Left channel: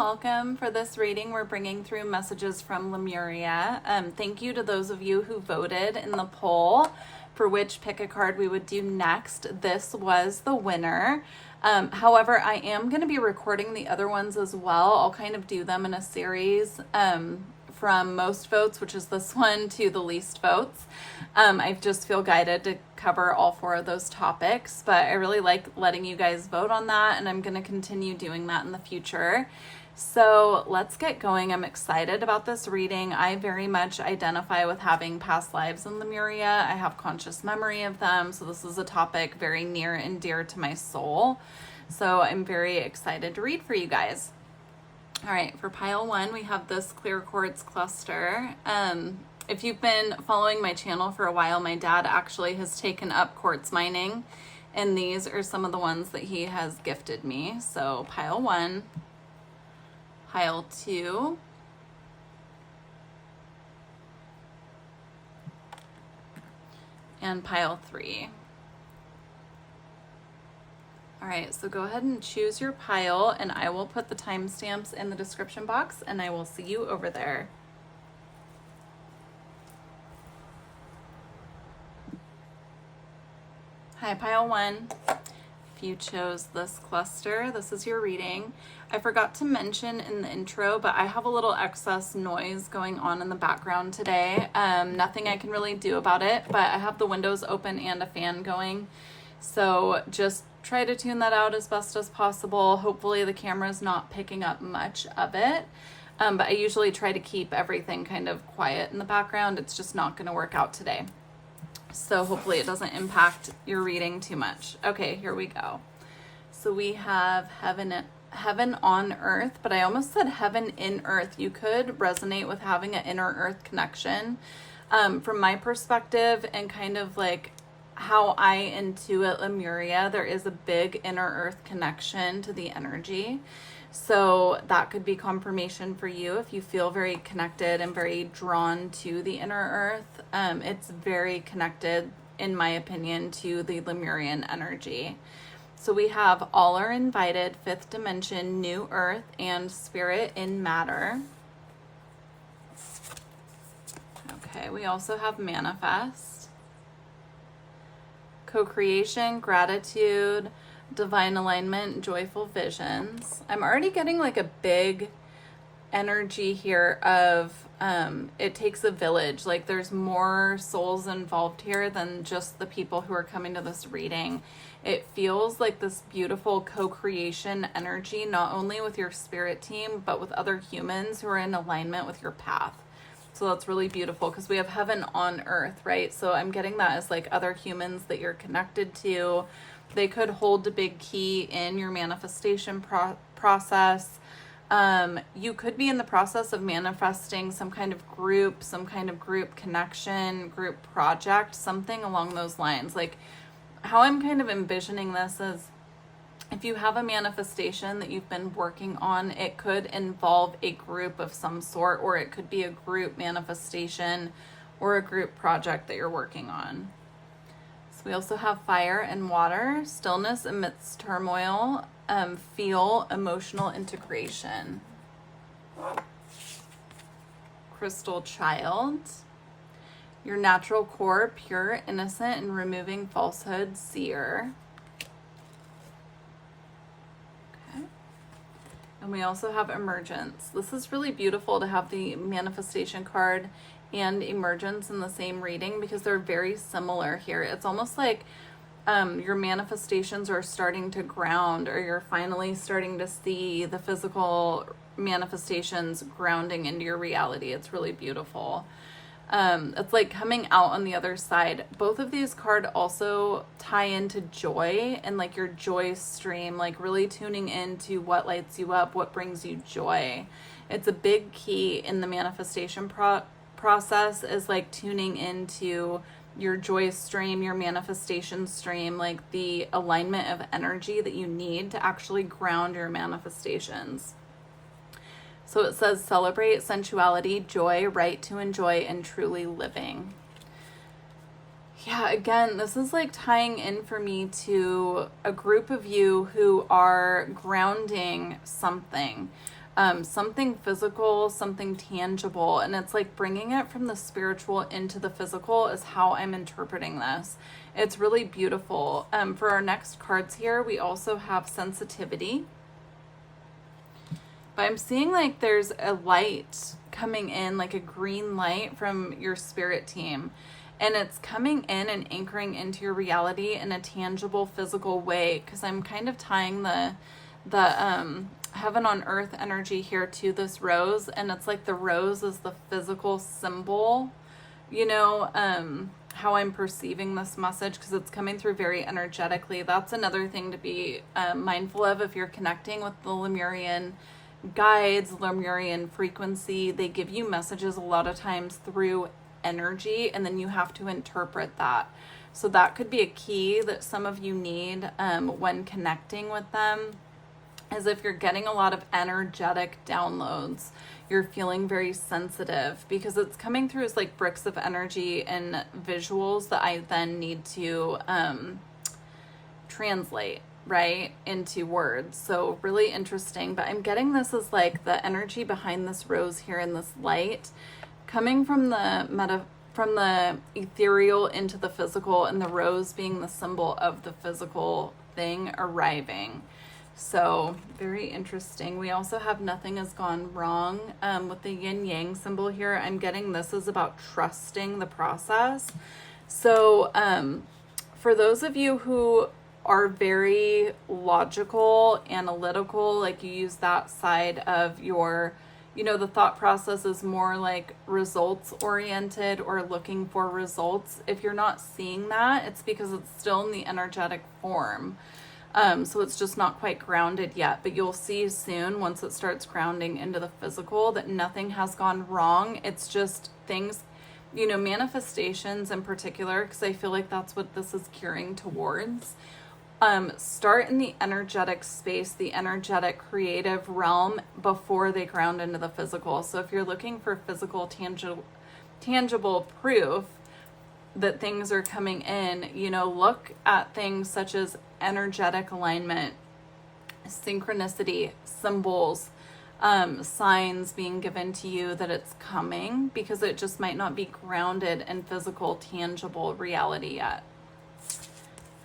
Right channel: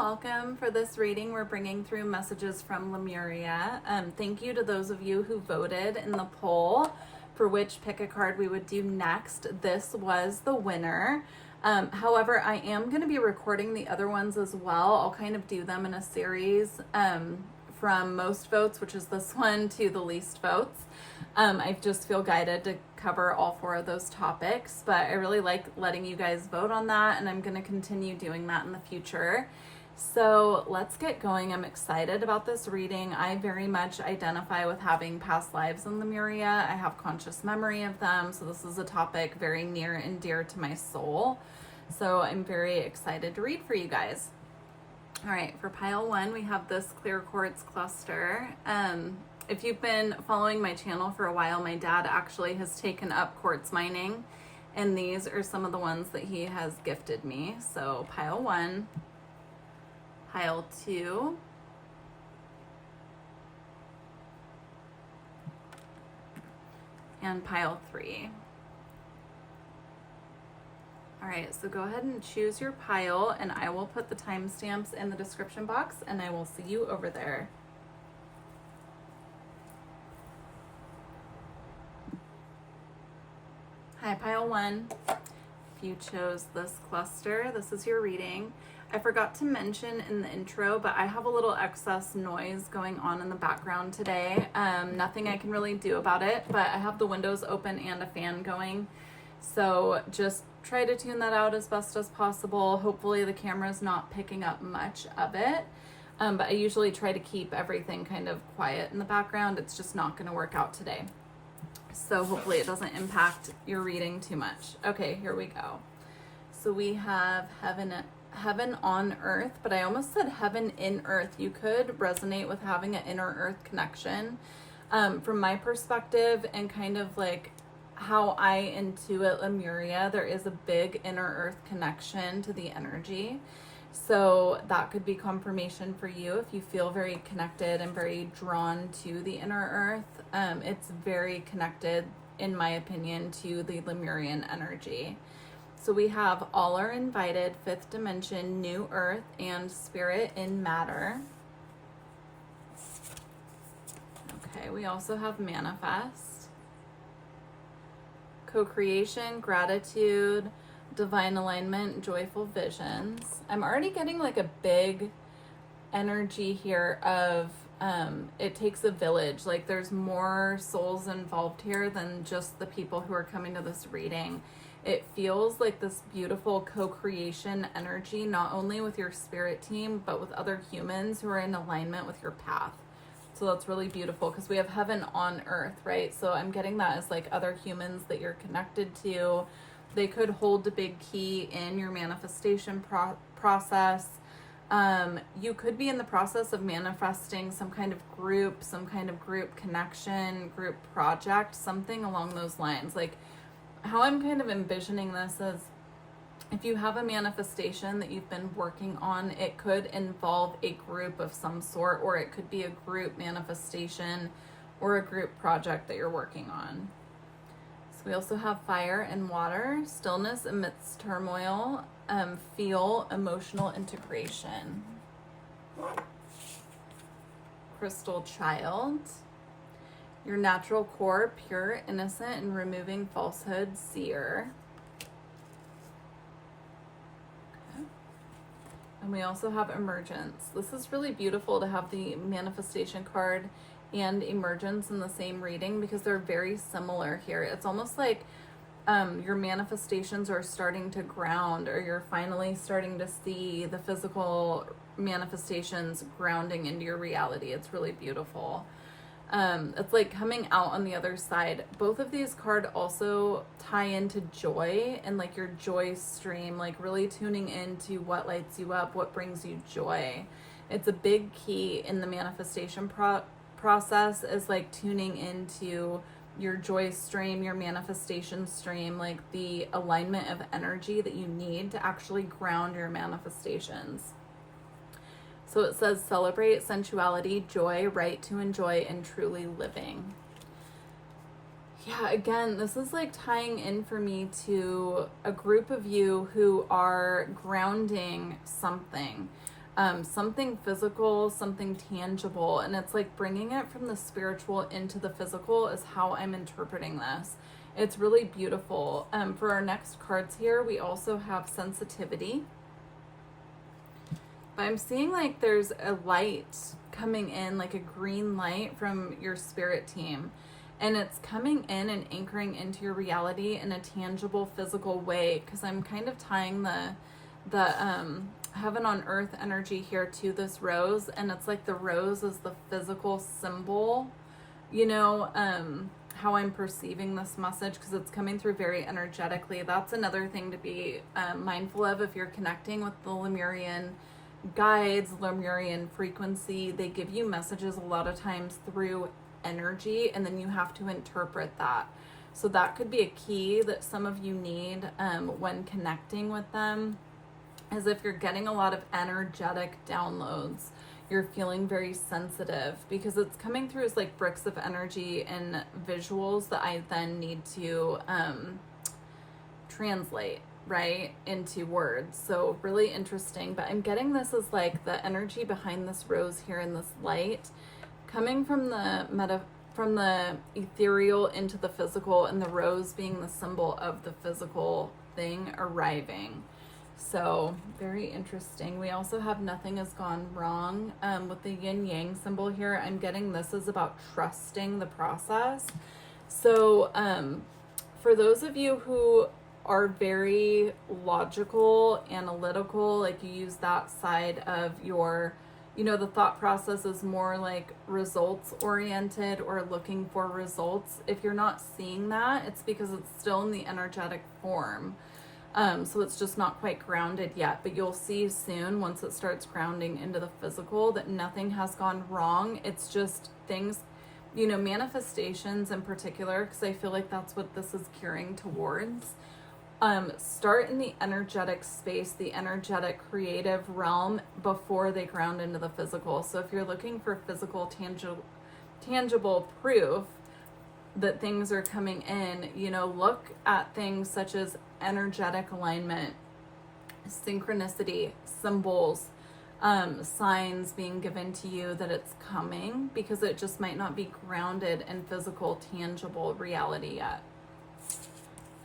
welcome. For this reading, we're bringing through messages from Lemuria. Thank you to those of you who voted in the poll for which pick a card we would do next. This was the winner. However, I am going to be recording the other ones as well. I'll kind of do them in a series from most votes, which is this one, to the least votes. I just feel guided to cover all 4 of those topics, but I really like letting you guys vote on that, and I'm going to continue doing that in the future. So let's get going. I'm excited about this reading. I very much identify with having past lives in Lemuria. I have conscious memory of them, so this is a topic very near and dear to my soul. So I'm very excited to read for you guys. All right, for pile 1, we have this clear quartz cluster. If you've been following my channel for a while, my dad actually has taken up quartz mining, and these are some of the ones that he has gifted me. So pile 1, pile 2, and pile 3. All right, so go ahead and choose your pile, and I will put the timestamps in the description box, and I will see you over there. Hi, pile 1. If you chose this cluster, this is your reading. I forgot to mention in the intro, but I have a little excess noise going on in the background today. Nothing I can really do about it, but I have the windows open and a fan going. So just try to tune that out as best as possible. Hopefully the camera's not picking up much of it. But I usually try to keep everything kind of quiet in the background. It's just not going to work out today. So hopefully it doesn't impact your reading too much. Okay, here we go. So we have heaven on earth, but I almost said heaven in earth. You could resonate with having an inner earth connection. From my perspective and kind of like how I intuit Lemuria, there is a big inner earth connection to the energy. So that could be confirmation for you if you feel very connected and very drawn to the inner earth. It's very connected, in my opinion, to the Lemurian energy. So we have all are invited, 5th dimension, new earth, and spirit in matter. Okay, we also have manifest, co-creation, gratitude, divine alignment, joyful visions. I'm already getting like a big energy here of it takes a village. Like there's more souls involved here than just the people who are coming to this reading. It feels like this beautiful co-creation energy, not only with your spirit team, but with other humans who are in alignment with your path. So that's really beautiful because we have heaven on earth, right? So I'm getting that as like other humans that you're connected to. They could hold a big key in your manifestation process. You could be in the process of manifesting some kind of group connection, group project, something along those lines. Like how I'm kind of envisioning this is if you have a manifestation that you've been working on, it could involve a group of some sort, or it could be a group manifestation or a group project that you're working on. We also have fire and water, stillness amidst turmoil, feel emotional integration. Crystal child, your natural core, pure, innocent, and removing falsehood, seer. Okay. And we also have emergence. This is really beautiful to have the manifestation card and emergence in the same reading because they're very similar here. It's almost like your manifestations are starting to ground, or you're finally starting to see the physical manifestations grounding into your reality. It's really beautiful. It's like coming out on the other side. Both of these cards also tie into joy and like your joy stream, like really tuning into what lights you up, what brings you joy. It's a big key in the manifestation process is like tuning into your joy stream, your manifestation stream, like the alignment of energy that you need to actually ground your manifestations. So it says celebrate sensuality, joy, right to enjoy, and truly living. Yeah, again, this is like tying in for me to a group of you who are grounding something. something physical, something tangible. And it's like bringing it from the spiritual into the physical is how I'm interpreting this. It's really beautiful. For our next cards here, we also have sensitivity. But I'm seeing like there's a light coming in, like a green light from your spirit team. And it's coming in and anchoring into your reality in a tangible, physical way. Because I'm kind of tying the heaven on earth energy here to this rose. And it's like the rose is the physical symbol, you know, how I'm perceiving this message, because it's coming through very energetically. That's another thing to be mindful of if you're connecting with the Lemurian guides, Lemurian frequency. They give you messages a lot of times through energy, and then you have to interpret that. So that could be a key that some of you need when connecting with them, is if you're getting a lot of energetic downloads, you're feeling very sensitive, because it's coming through as like bricks of energy and visuals that I then need to translate right into words. So really interesting. But I'm getting this as like the energy behind this rose here in this light coming from the ethereal into the physical, and the rose being the symbol of the physical thing arriving. So very interesting. We also have nothing has gone wrong with the yin yang symbol here. I'm getting this is about trusting the process. So for those of you who are very logical, analytical, like you use that side of your, you know, the thought process is more like results oriented or looking for results. If you're not seeing that, it's because it's still in the energetic form. So it's just not quite grounded yet, but you'll see soon once it starts grounding into the physical that nothing has gone wrong. It's just things, you know, manifestations in particular, because I feel like that's what this is gearing towards. Start in the energetic space, the energetic creative realm before they ground into the physical. So if you're looking for physical, tangible proof that things are coming in, you know, look at things such as energetic alignment, synchronicity, symbols, signs being given to you that it's coming, because it just might not be grounded in physical, tangible reality yet.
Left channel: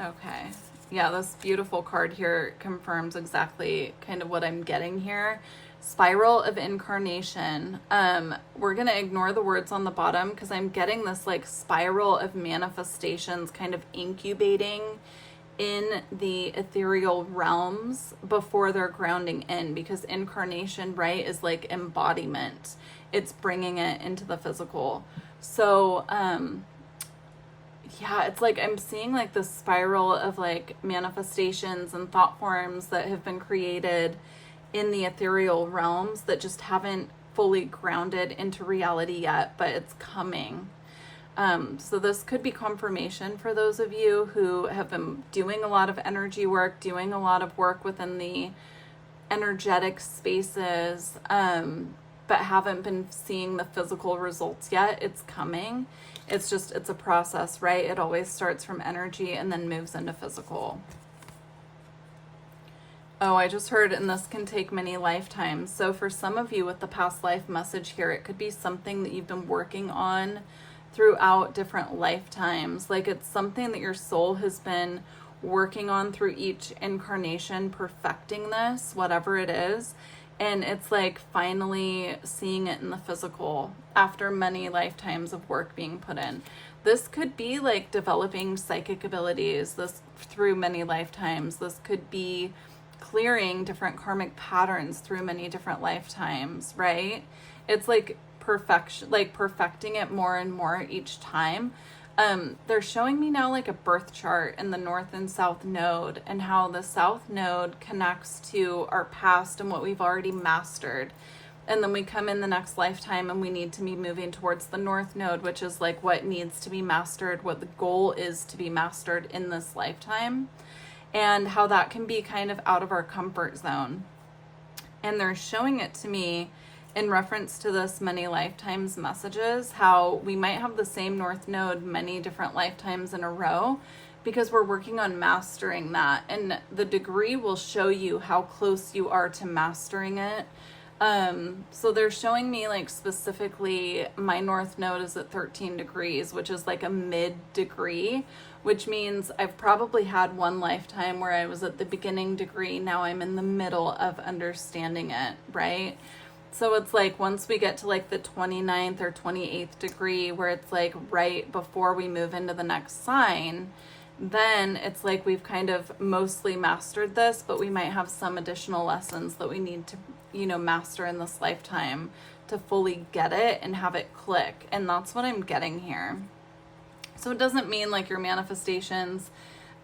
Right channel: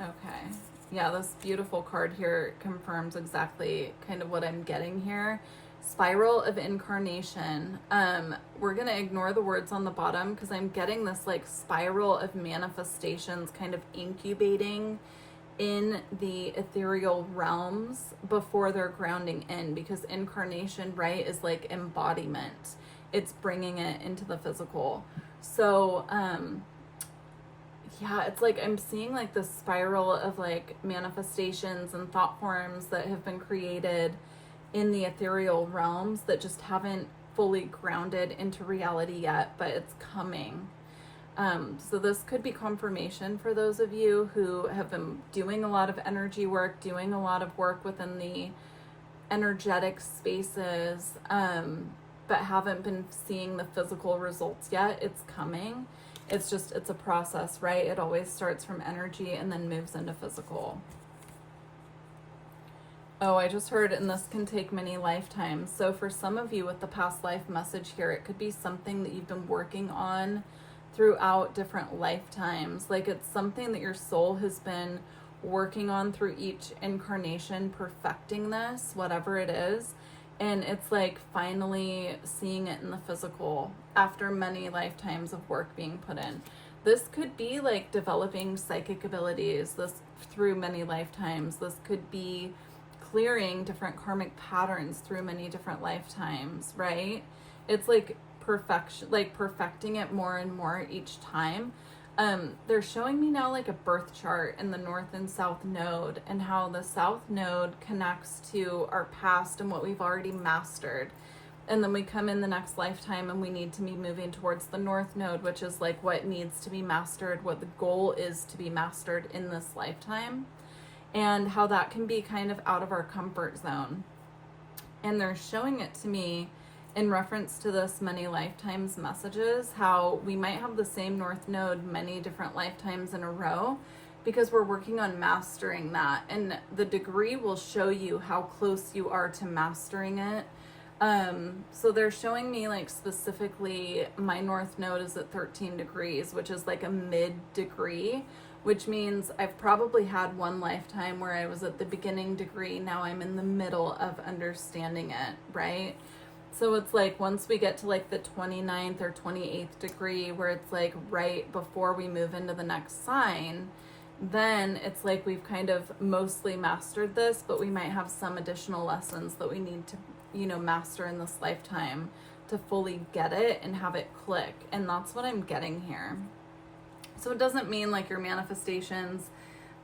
Okay. Yeah, this beautiful card here confirms exactly kind of what I'm getting here. Spiral of incarnation. We're going to ignore the words on the bottom, because I'm getting this like spiral of manifestations kind of incubating in the ethereal realms before they're grounding in, because incarnation, right, is like embodiment. It's bringing it into the physical. So, yeah, it's like I'm seeing like this spiral of like manifestations and thought forms that have been created in the ethereal realms that just haven't fully grounded into reality yet, but it's coming. So this could be confirmation for those of you who have been doing a lot of energy work, doing a lot of work within the energetic spaces, but haven't been seeing the physical results yet. It's coming. It's a process, right? It always starts from energy and then moves into physical. Oh, I just heard, and this can take many lifetimes. So for some of you with the past life message here, it could be something that you've been working on throughout different lifetimes. Like it's something that your soul has been working on through each incarnation, perfecting this, whatever it is. And it's like finally seeing it in the physical after many lifetimes of work being put in. This could be like developing psychic abilities this through many lifetimes. This could be clearing different karmic patterns through many different lifetimes, right? It's like perfection, like perfecting it more and more each time. They're showing me now like a birth chart in the north and south node, and how the south node connects to our past and what we've already mastered. And then we come in the next lifetime and we need to be moving towards the north node, which is like what needs to be mastered, what the goal is to be mastered in this lifetime, and how that can be kind of out of our comfort zone. And they're showing it to me in reference to this many lifetimes messages, how we might have the same north node many different lifetimes in a row, because we're working on mastering that. And the degree will show you how close you are to mastering it. So they're showing me like specifically my north node is at 13 degrees, which is like a mid degree, which means I've probably had one lifetime where I was at the beginning degree. Now I'm in the middle of understanding it, right? So it's like once we get to like the 29th or 28th degree, where it's like right before we move into the next sign, then it's like we've kind of mostly mastered this, but we might have some additional lessons that we need to, master in this lifetime to fully get it and have it click. And that's what I'm getting here. So it doesn't mean like your manifestations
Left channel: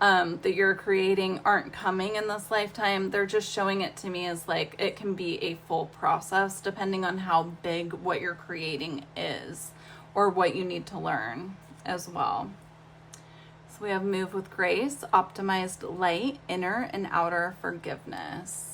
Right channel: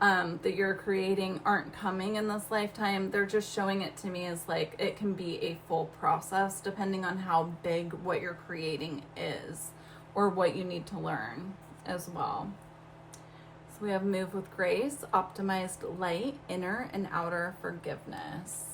that you're creating aren't coming in this lifetime. They're just showing it to me as like it can be a full process depending on how big what you're creating is or what you need to learn as well. So we have move with grace, optimized light, inner and outer forgiveness.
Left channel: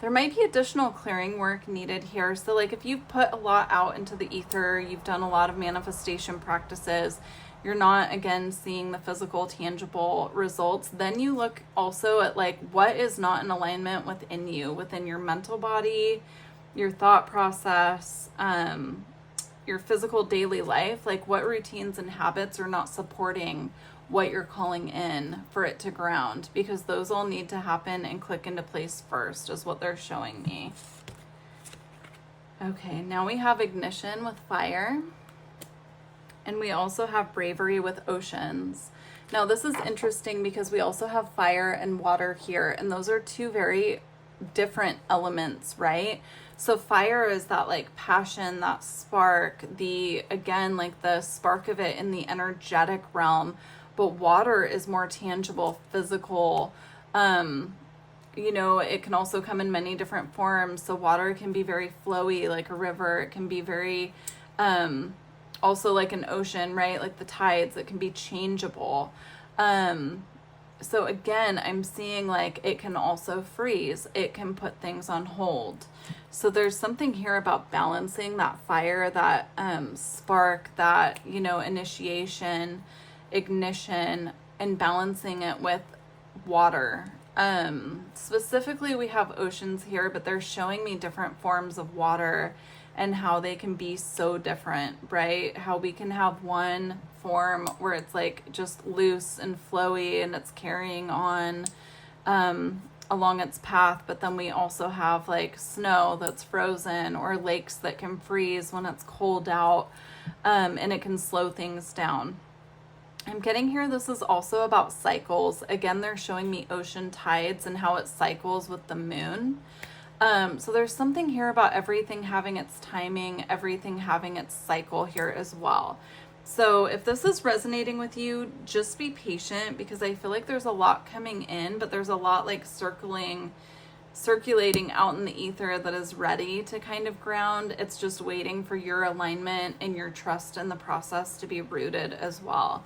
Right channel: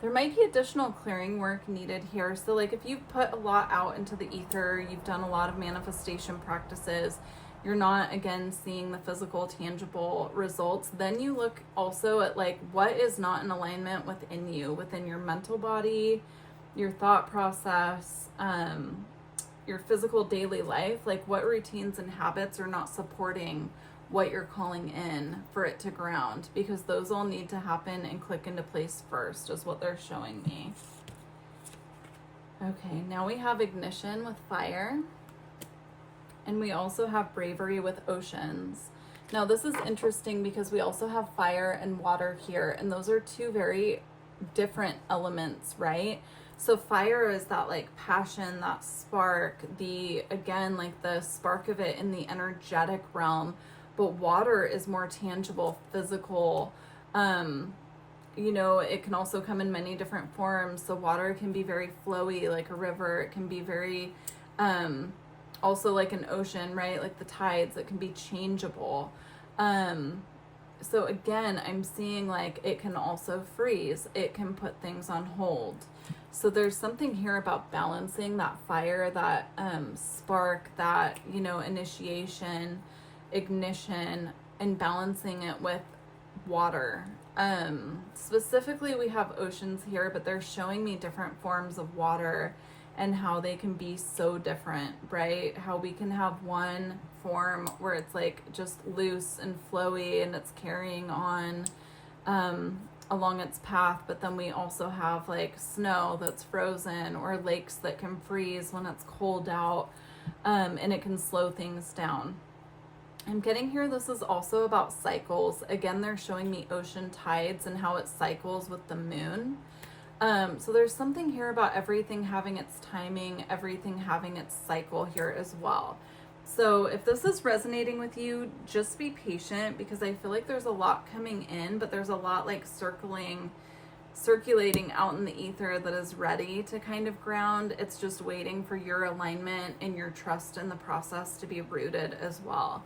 There might be additional clearing work needed here. So like if you've put a lot out into the ether, you've done a lot of manifestation practices, you're not again seeing the physical tangible results, then you look also at like what is not in alignment within you, within your mental body, your thought process, your physical daily life, like what routines and habits are not supporting what you're calling in for it to ground, because those all need to happen and click into place first is what they're showing me. Okay, now we have ignition with fire. And we also have bravery with oceans. Now this is interesting because we also have fire and water here, and those are two very different elements, right? So fire is that like passion, that spark, again, like the spark of it in the energetic realm, but water is more tangible, physical. It can also come in many different forms. So water can be very flowy, like a river. It can be very, also like an ocean, right? Like the tides that can be changeable. So again, I'm seeing like it can also freeze. It can put things on hold. So there's something here about balancing that fire, that spark, that, initiation, ignition, and balancing it with water. Specifically, we have oceans here, but they're showing me different forms of water and how they can be so different, right? How we can have one form where it's like just loose and flowy and it's carrying on along its path, but then we also have like snow that's frozen or lakes that can freeze when it's cold out, and it can slow things down. I'm getting here, this is also about cycles. Again, they're showing me ocean tides and how it cycles with the moon. So there's something here about everything having its timing, everything having its cycle here as well. So if this is resonating with you, just be patient, because I feel like there's a lot coming in, but there's a lot like circulating out in the ether that is ready to kind of ground. It's just waiting for your alignment and your trust in the process to be rooted as well.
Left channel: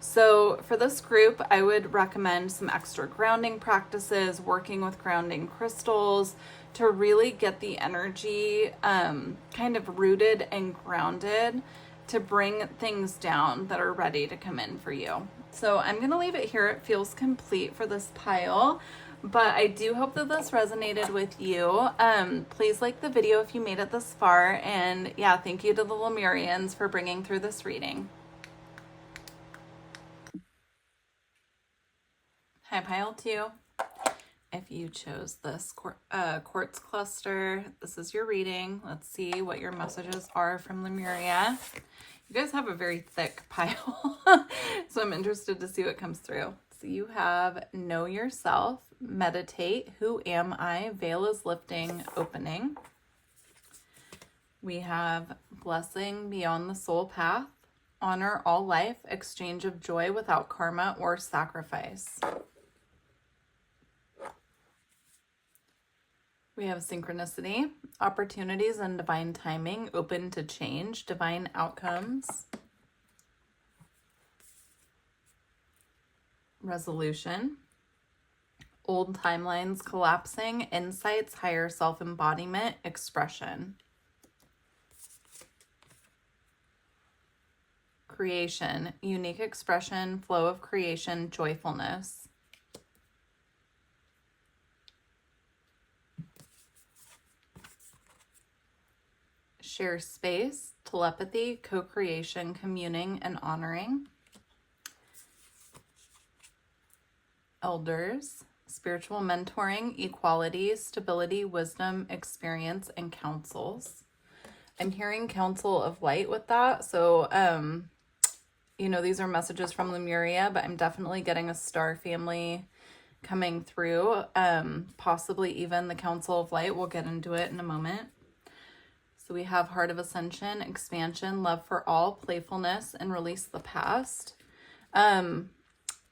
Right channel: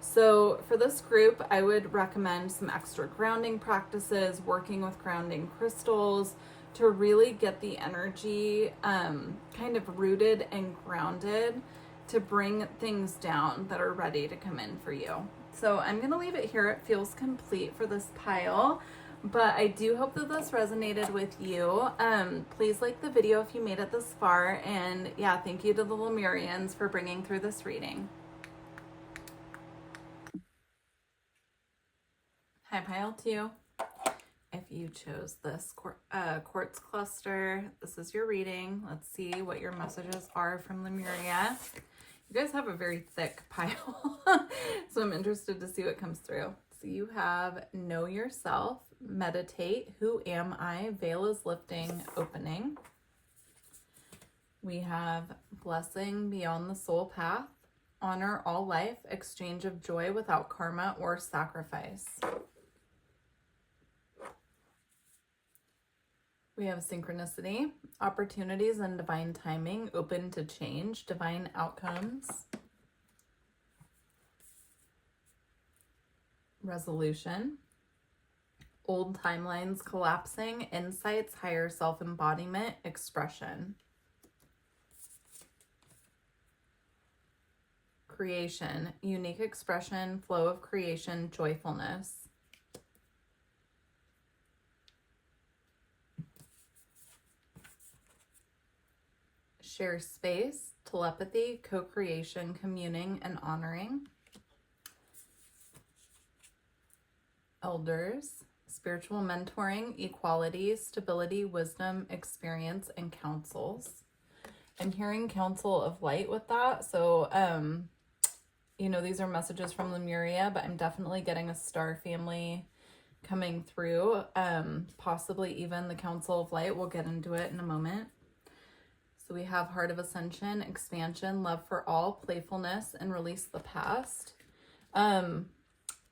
So for this group, I would recommend some extra grounding practices, working with grounding crystals, to really get the energy kind of rooted and grounded, to bring things down that are ready to come in for you. So I'm going to leave it here. It feels complete for this pile, but I do hope that this resonated with you. Please like the video if you made it this far. And yeah, thank you to the Lemurians for bringing through this reading. Hi, pile 2. If you chose this quartz cluster, this is your reading. Let's see what your messages are from Lemuria. You guys have a very thick pile, so I'm interested to see what comes through. So you have know yourself, meditate, who am I, veil is lifting, opening. We have blessing beyond the soul path, honor all life, exchange of joy without karma or sacrifice. We have synchronicity, opportunities and divine timing, open to change, divine outcomes. Resolution, old timelines collapsing, insights, higher self-embodiment, expression. Creation, unique expression, flow of creation, joyfulness. share space, telepathy, co-creation, communing, and honoring. Elders, spiritual mentoring, equality, stability, wisdom, experience, and counsels. I'm hearing council of light with that. So, you know, these are messages from Lemuria, but I'm definitely getting a star family coming through. Possibly even the council of light. We'll get into it in a moment. So we have heart of ascension, expansion, love for all, playfulness, and release the past.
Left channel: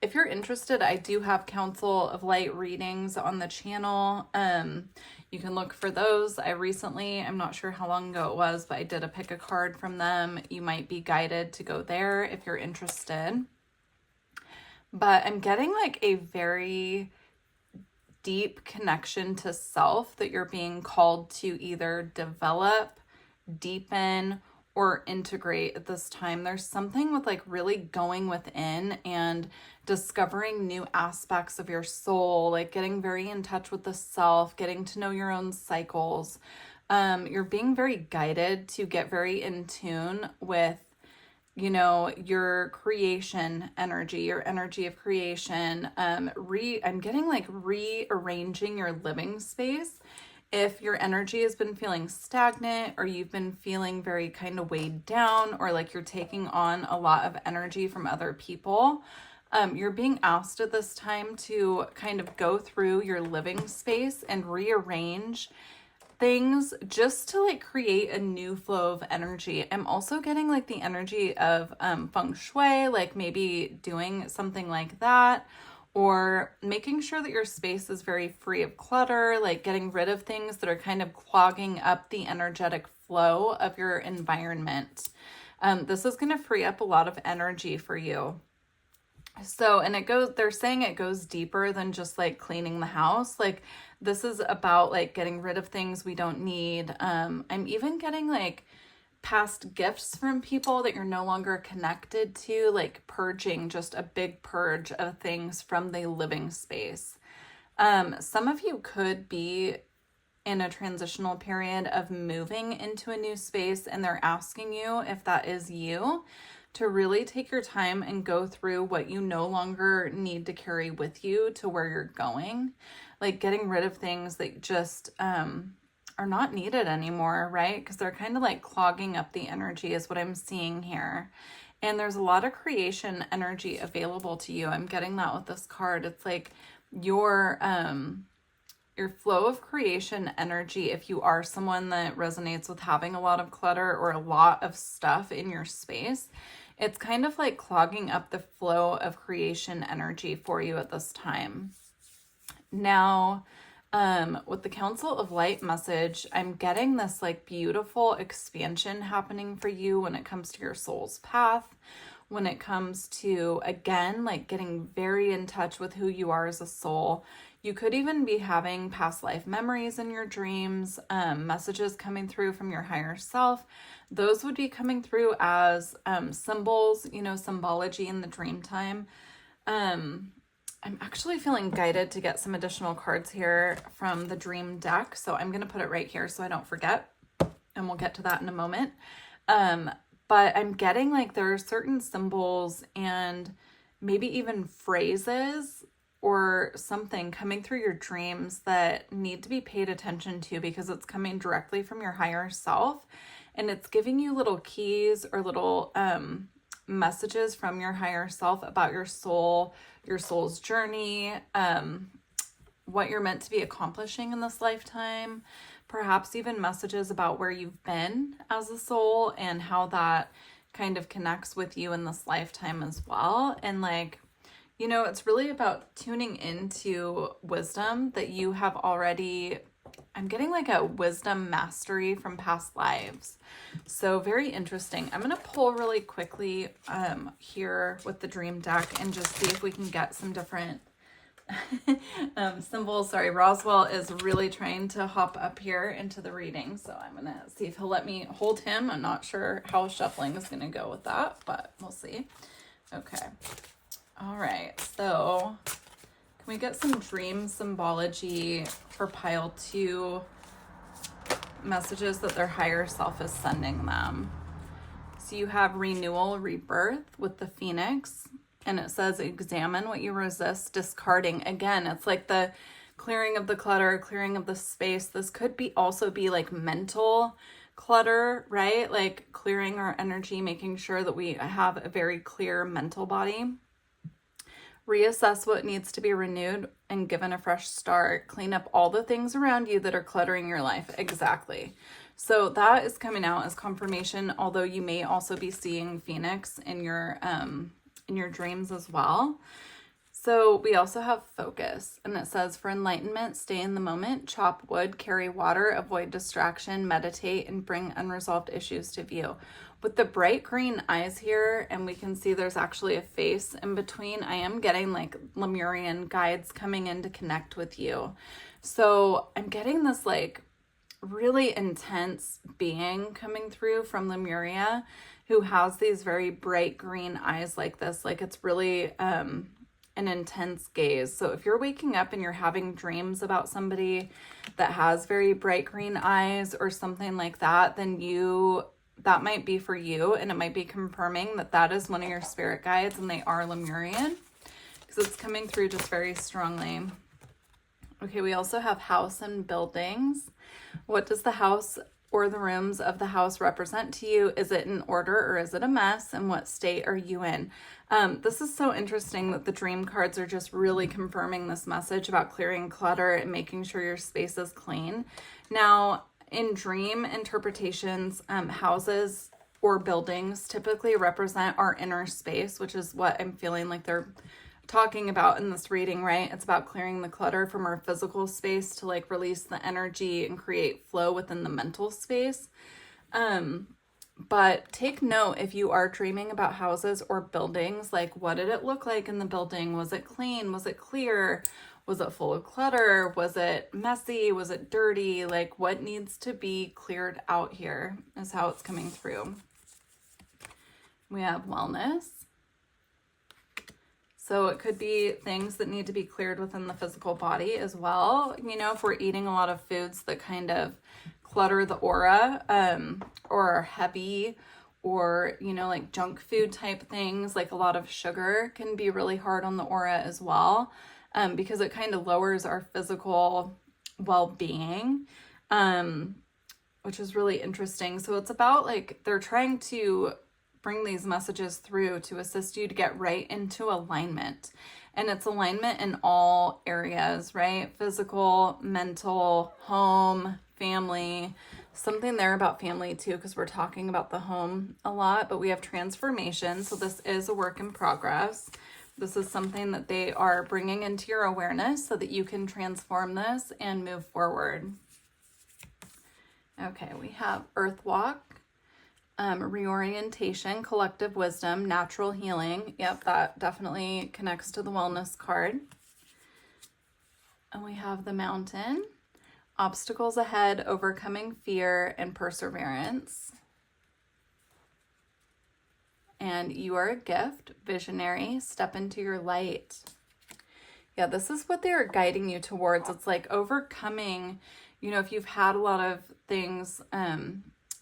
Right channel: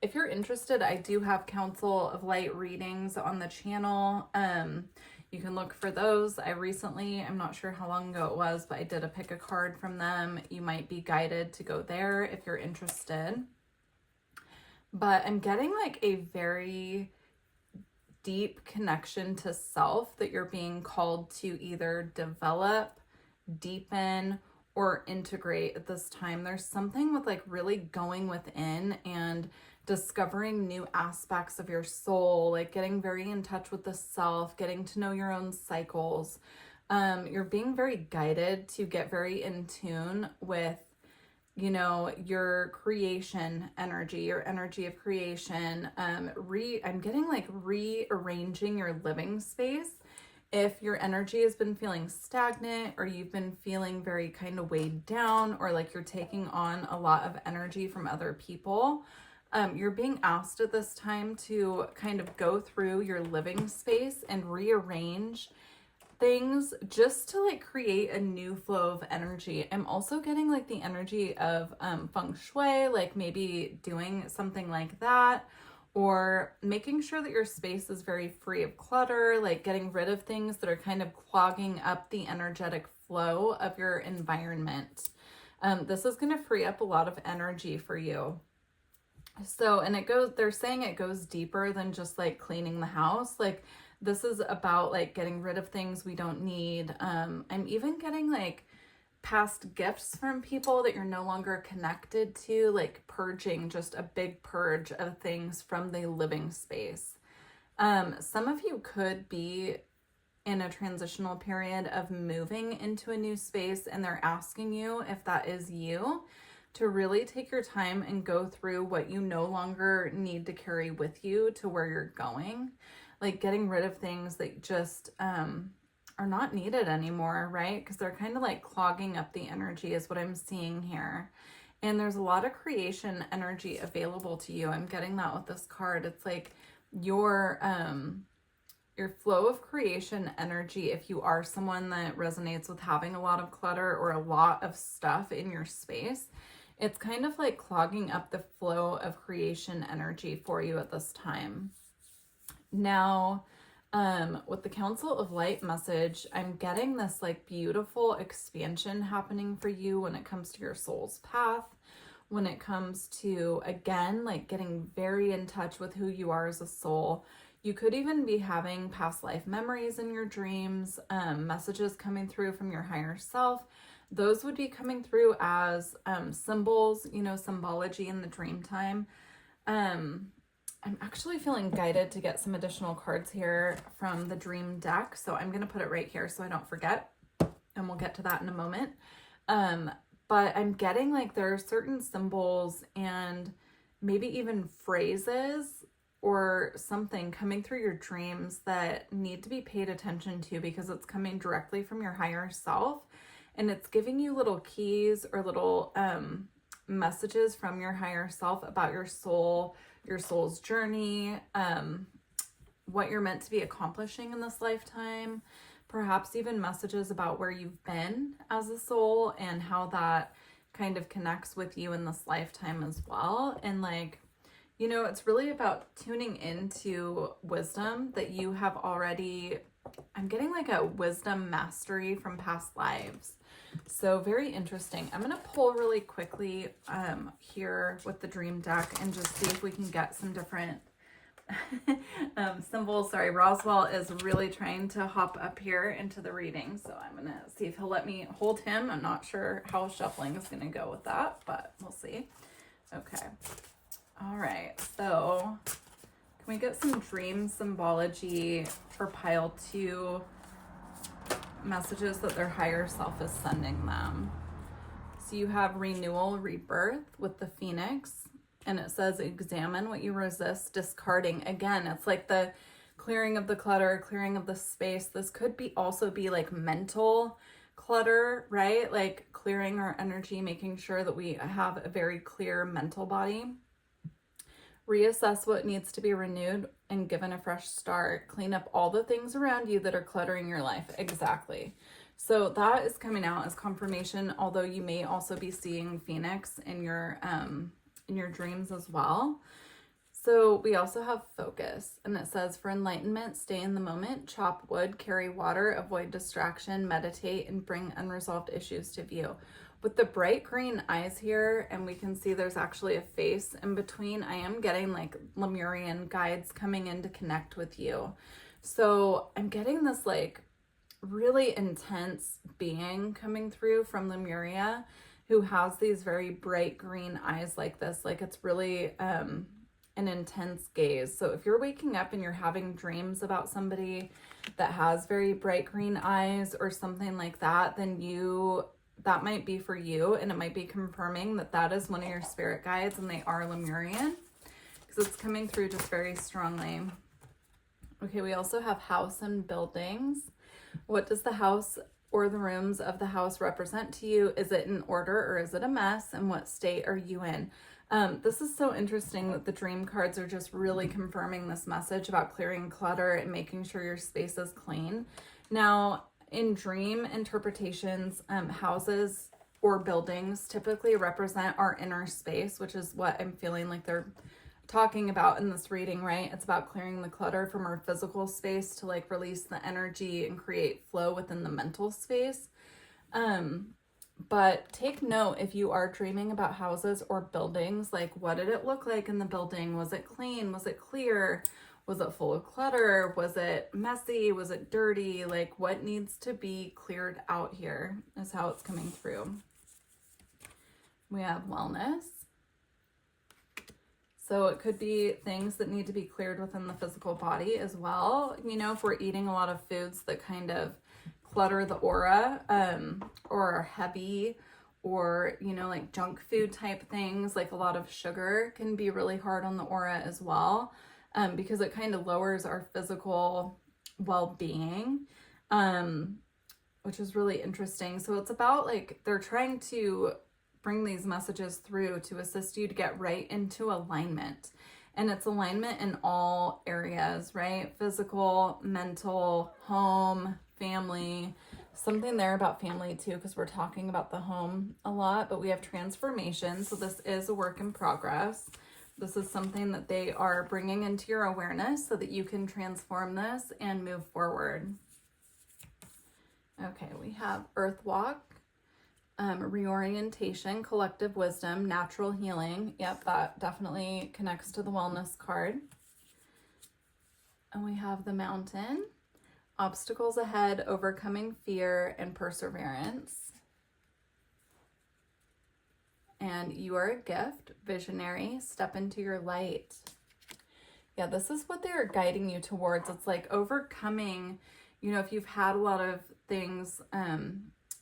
If you're interested, I do have Council of Light readings on the channel. You can look for those. I'm not sure how long ago it was, but I did a pick a card from them. You might be guided to go there if you're interested. But I'm getting like a very deep connection to self that you're being called to either develop, deepen, or integrate at this time. There's something with like really going within and discovering new aspects of your soul, like getting very in touch with the self, getting to know your own cycles. You're being very guided to get very in tune with, you know, your creation energy, your energy of creation. I'm getting like rearranging your living space. If your energy has been feeling stagnant, or you've been feeling very kind of weighed down, or like you're taking on a lot of energy from other people, you're being asked at this time to kind of go through your living space and rearrange things just to like create a new flow of energy. I'm also getting like the energy of feng shui, like maybe doing something like that, or making sure that your space is very free of clutter, like getting rid of things that are kind of clogging up the energetic flow of your environment. This is going to free up a lot of energy for you. So, and they're saying it goes deeper than just like cleaning the house. Like this is about like getting rid of things we don't need. I'm even getting like past gifts from people that you're no longer connected to, like purging, just a big purge of things from the living space. Some of you could be in a transitional period of moving into a new space, and they're asking you, if that is you, to really take your time and go through what you no longer need to carry with you to where you're going. Like getting rid of things that just are not needed anymore, right? Because they're kind of like clogging up the energy is what I'm seeing here. And there's a lot of creation energy available to you. I'm getting that with this card. It's like your flow of creation energy, if you are someone that resonates with having a lot of clutter or a lot of stuff in your space, it's kind of like clogging up the flow of creation energy for you at this time. Now, with the Council of Light message, I'm getting this like beautiful expansion happening for you when it comes to your soul's path, when it comes to, again, like getting very in touch with who you are as a soul. You could even be having past life memories in your dreams, messages coming through from your higher self. Those would be coming through as symbols, you know, symbology in the dream time. I'm actually feeling guided to get some additional cards here from the dream deck. So I'm going to put it right here so I don't forget, and we'll get to that in a moment. But I'm getting like there are certain symbols and maybe even phrases or something coming through your dreams that need to be paid attention to, because it's coming directly from your higher self, and it's giving you little keys or little messages from your higher self about your soul, your soul's journey, what you're meant to be accomplishing in this lifetime, perhaps even messages about where you've been as a soul and how that kind of connects with you in this lifetime as well. And like, you know, it's really about tuning into wisdom that you have already. I'm getting like a wisdom mastery from past lives. So very interesting. I'm going to pull really quickly here with the dream deck and just see if we can get some different symbols. Sorry, Roswell is really trying to hop up here into the reading. So I'm going to see if he'll let me hold him. I'm not sure how shuffling is going to go with that, but we'll see. Okay. All right. So can we get some dream symbology for pile 2 messages that their higher self is sending them. So you have renewal, rebirth with the Phoenix, and it says examine what you resist discarding. Again, it's like the clearing of the clutter, clearing of the space. This could be also be like mental clutter, right? Like clearing our energy, making sure that we have a very clear mental body. Reassess what needs to be renewed and given a fresh start. Clean up all the things around you that are cluttering your life. Exactly. So that is coming out as confirmation, although you may also be seeing Phoenix in your dreams as well. So we also have focus, and it says for enlightenment, stay in the moment, chop wood, carry water, avoid distraction, meditate, and bring unresolved issues to view. With the bright green eyes here, and we can see there's actually a face in between, I am getting like Lemurian guides coming in to connect with you. So I'm getting this like really intense being coming through from Lemuria who has these very bright green eyes like this. Like it's really an intense gaze. So if you're waking up and you're having dreams about somebody that has very bright green eyes or something like that, then that might be for you, and it might be confirming that that is one of your spirit guides and they are Lemurian, because it's coming through just very strongly. Okay, we also have house and buildings. What does the house or the rooms of the house represent to you? Is it in order or is it a mess? And what state are you in? This is so interesting that the dream cards are just really confirming this message about clearing clutter and making sure your space is clean. Now, in dream interpretations, houses or buildings typically represent our inner space, which is what I'm feeling like they're talking about in this reading, right? It's about clearing the clutter from our physical space to like release the energy and create flow within the mental space. But take note, if you are dreaming about houses or buildings, like what did it look like in the building? Was it clean? Was it clear? Was it full of clutter? Was it messy? Was it dirty? Like what needs to be cleared out here is how it's coming through. We have wellness. So it could be things that need to be cleared within the physical body as well. You know, if we're eating a lot of foods that kind of clutter the aura, or are heavy, or, you know, like junk food type things, like a lot of sugar can be really hard on the aura as well, because it kind of lowers our physical well-being, which is really interesting. So it's about like, they're trying to bring these messages through to assist you to get right into alignment. And it's alignment in all areas, right? Physical, mental, home, family, something there about family too, because we're talking about the home a lot, but we have transformation. So this is a work in progress. This is something that they are bringing into your awareness so that you can transform this and move forward. Okay, we have Earth Walk. Reorientation, collective wisdom, natural healing. Yep, that definitely connects to the wellness card. And we have the Mountain, obstacles ahead, overcoming fear, and perseverance. And you are a gift, visionary, step into your light. Yeah, this is what they are guiding you towards. It's like overcoming, you know, if you've had a lot of things,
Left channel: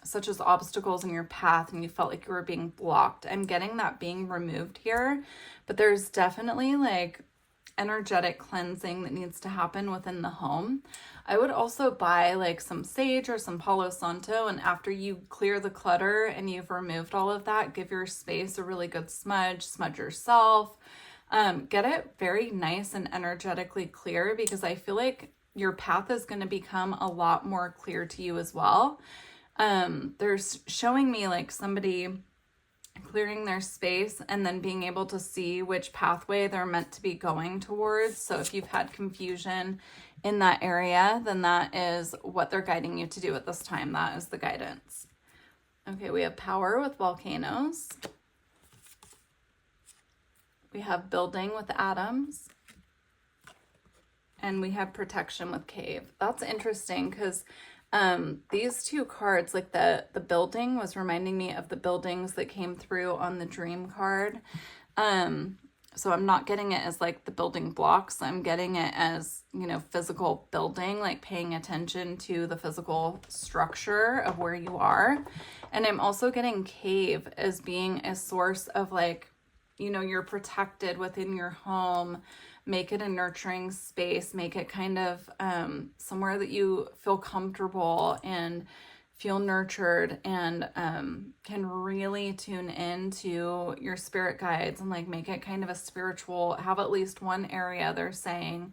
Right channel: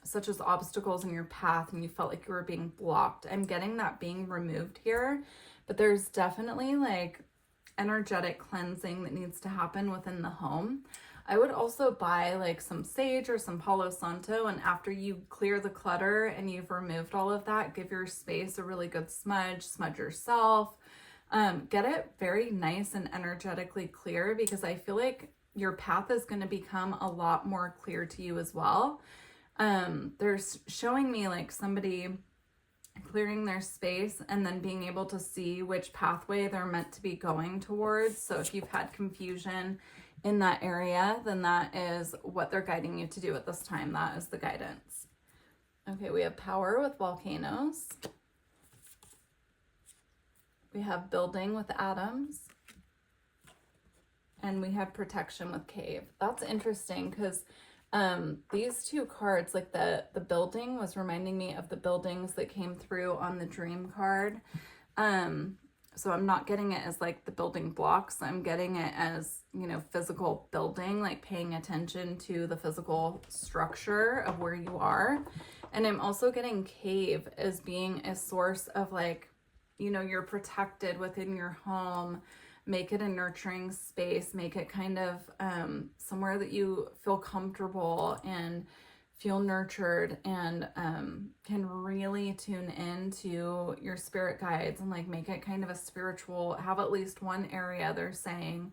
such as obstacles in your path and you felt like you were being blocked. I'm getting that being removed here, but there's definitely like energetic cleansing that needs to happen within the home. I would also buy like some sage or some Palo Santo, and after you clear the clutter and you've removed all of that, give your space a really good smudge yourself. Get it very nice and energetically clear, because I feel like your path is going to become a lot more clear to you as well. There's showing me like somebody clearing their space and then being able to see which pathway they're meant to be going towards. So if you've had confusion in that area, then that is what they're guiding you to do at this time. That is the guidance. Okay, we have power with volcanoes. We have building with atoms. And we have protection with cave. That's interesting because these two cards, like the building was reminding me of the buildings that came through on the dream card. So I'm not getting it as like the building blocks. I'm getting it as, you know, physical building, like paying attention to the physical structure of where you are. And I'm also getting cave as being a source of like, you know, you're protected within your home. Make it a nurturing space. Make it kind of somewhere that you feel comfortable and feel nurtured, and can really tune into your spirit guides and like make it kind of a spiritual, have at least one area they're saying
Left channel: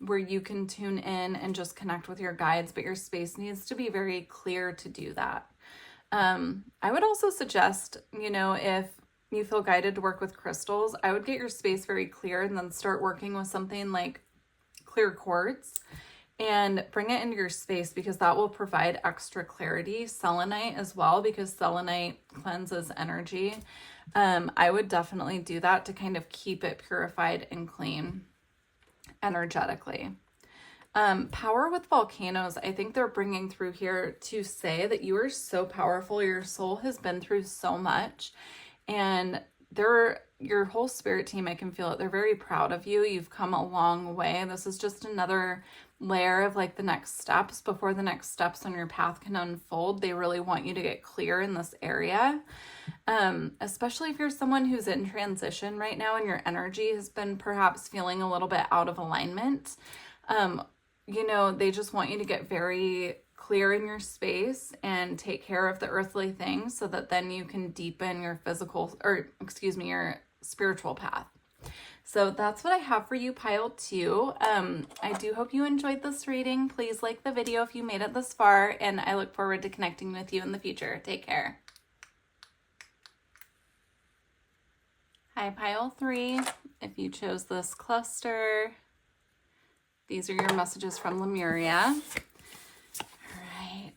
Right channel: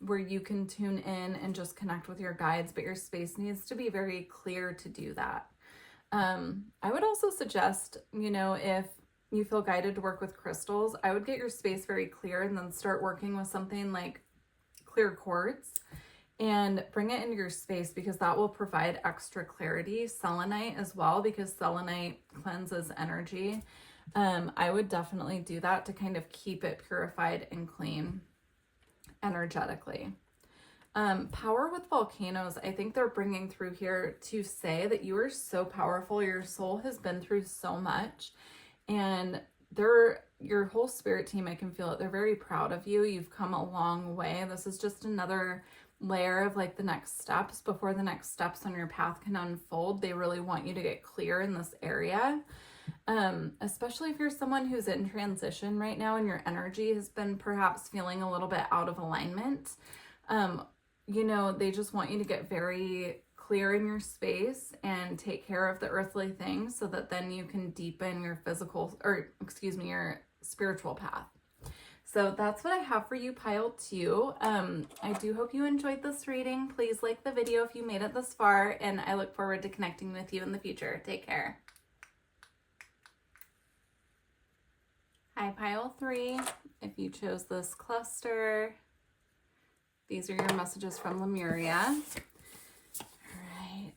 where you can tune in and just connect with your guides, but your space needs to be very clear to do that. I would also suggest, you know, if you feel guided to work with crystals, I would get your space very clear and then start working with something like clear quartz and bring it into your space, because that will provide extra clarity. Selenite as well, because selenite cleanses energy. I would definitely do that to kind of keep it purified and clean energetically. Power with volcanoes, I think they're bringing through here to say that you are so powerful. Your soul has been through so much, and your whole spirit team, I can feel it. They're very proud of you. You've come a long way. This is just another layer of like the next steps before the next steps on your path can unfold. They really want you to get clear in this area. Especially if you're someone who's in transition right now and your energy has been perhaps feeling a little bit out of alignment. You know, they just want you to get very clear in your space and take care of the earthly things so that then you can deepen your your spiritual path. So that's what I have for you, pile 2. I do hope you enjoyed this reading. Please like the video if you made it this far, and I look forward to connecting with you in the future. Take care. Hi, pile 3. If you chose this cluster, these are your messages from Lemuria. All right.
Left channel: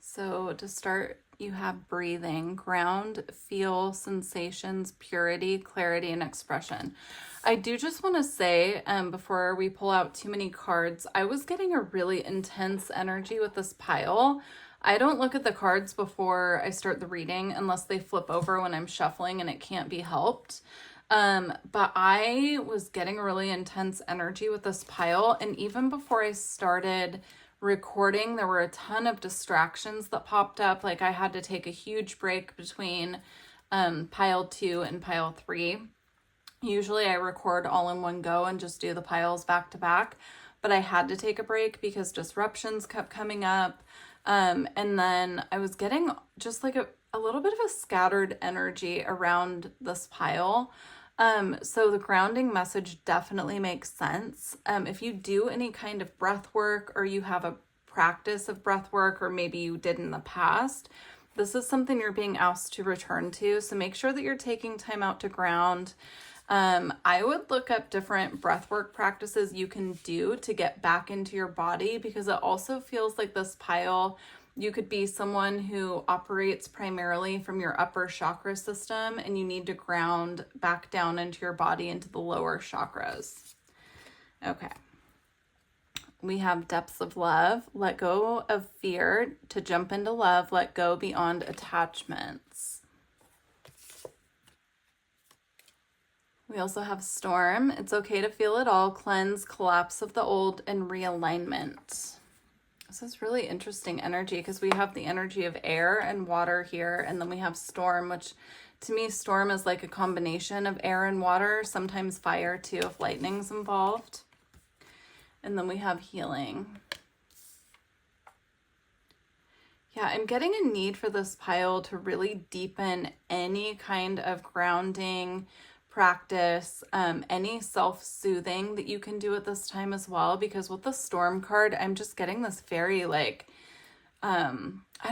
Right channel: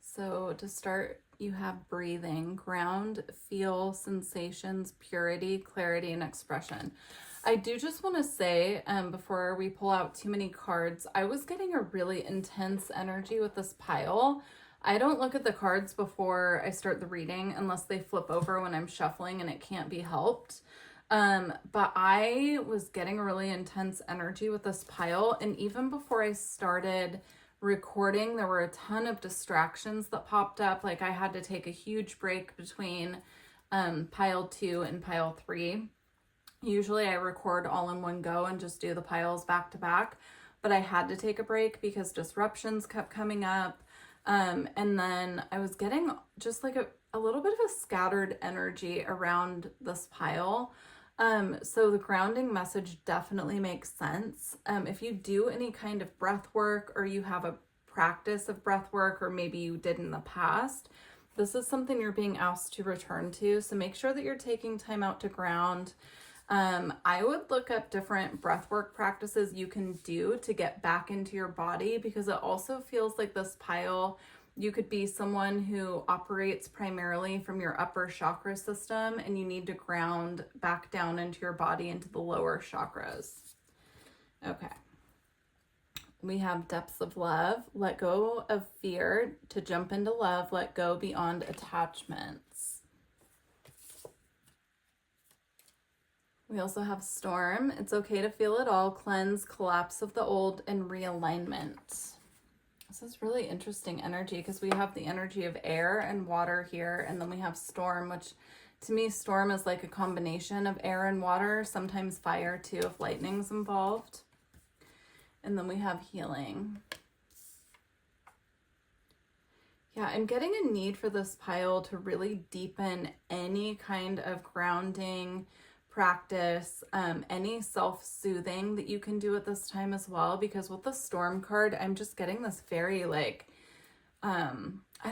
So to start, you have breathing, ground, feel, sensations, purity, clarity, and expression. I do just want to say, before we pull out too many cards, I was getting a really intense energy with this pile. I don't look at the cards before I start the reading unless they flip over when I'm shuffling and it can't be helped. But I was getting a really intense energy with this pile. And even before I started recording, there were a ton of distractions that popped up. Like I had to take a huge break between pile 2 and pile 3. Usually I record all in one go and just do the piles back to back, but I had to take a break because disruptions kept coming up. And then I was getting just like a little bit of a scattered energy around this pile. So the grounding message definitely makes sense. If you do any kind of breath work, or you have a practice of breath work, or maybe you did in the past, this is something you're being asked to return to. So make sure that you're taking time out to ground. I would look up different breathwork practices you can do to get back into your body, because it also feels like this pile, you could be someone who operates primarily from your upper chakra system, and you need to ground back down into your body, into the lower chakras. Okay. We have depths of love, let go of fear to jump into love, let go beyond attachments. We also have storm. It's okay to feel it all. Cleanse, collapse of the old, and realignment. This is really interesting energy, because we have the energy of air and water here, and then we have storm, which to me, storm is like a combination of air and water, sometimes fire too if lightning's involved. And then we have healing. Yeah, I'm getting a need for this pile to really deepen any kind of grounding practice, any self-soothing that you can do at this time as well, because with the storm card, I'm just getting this very like, I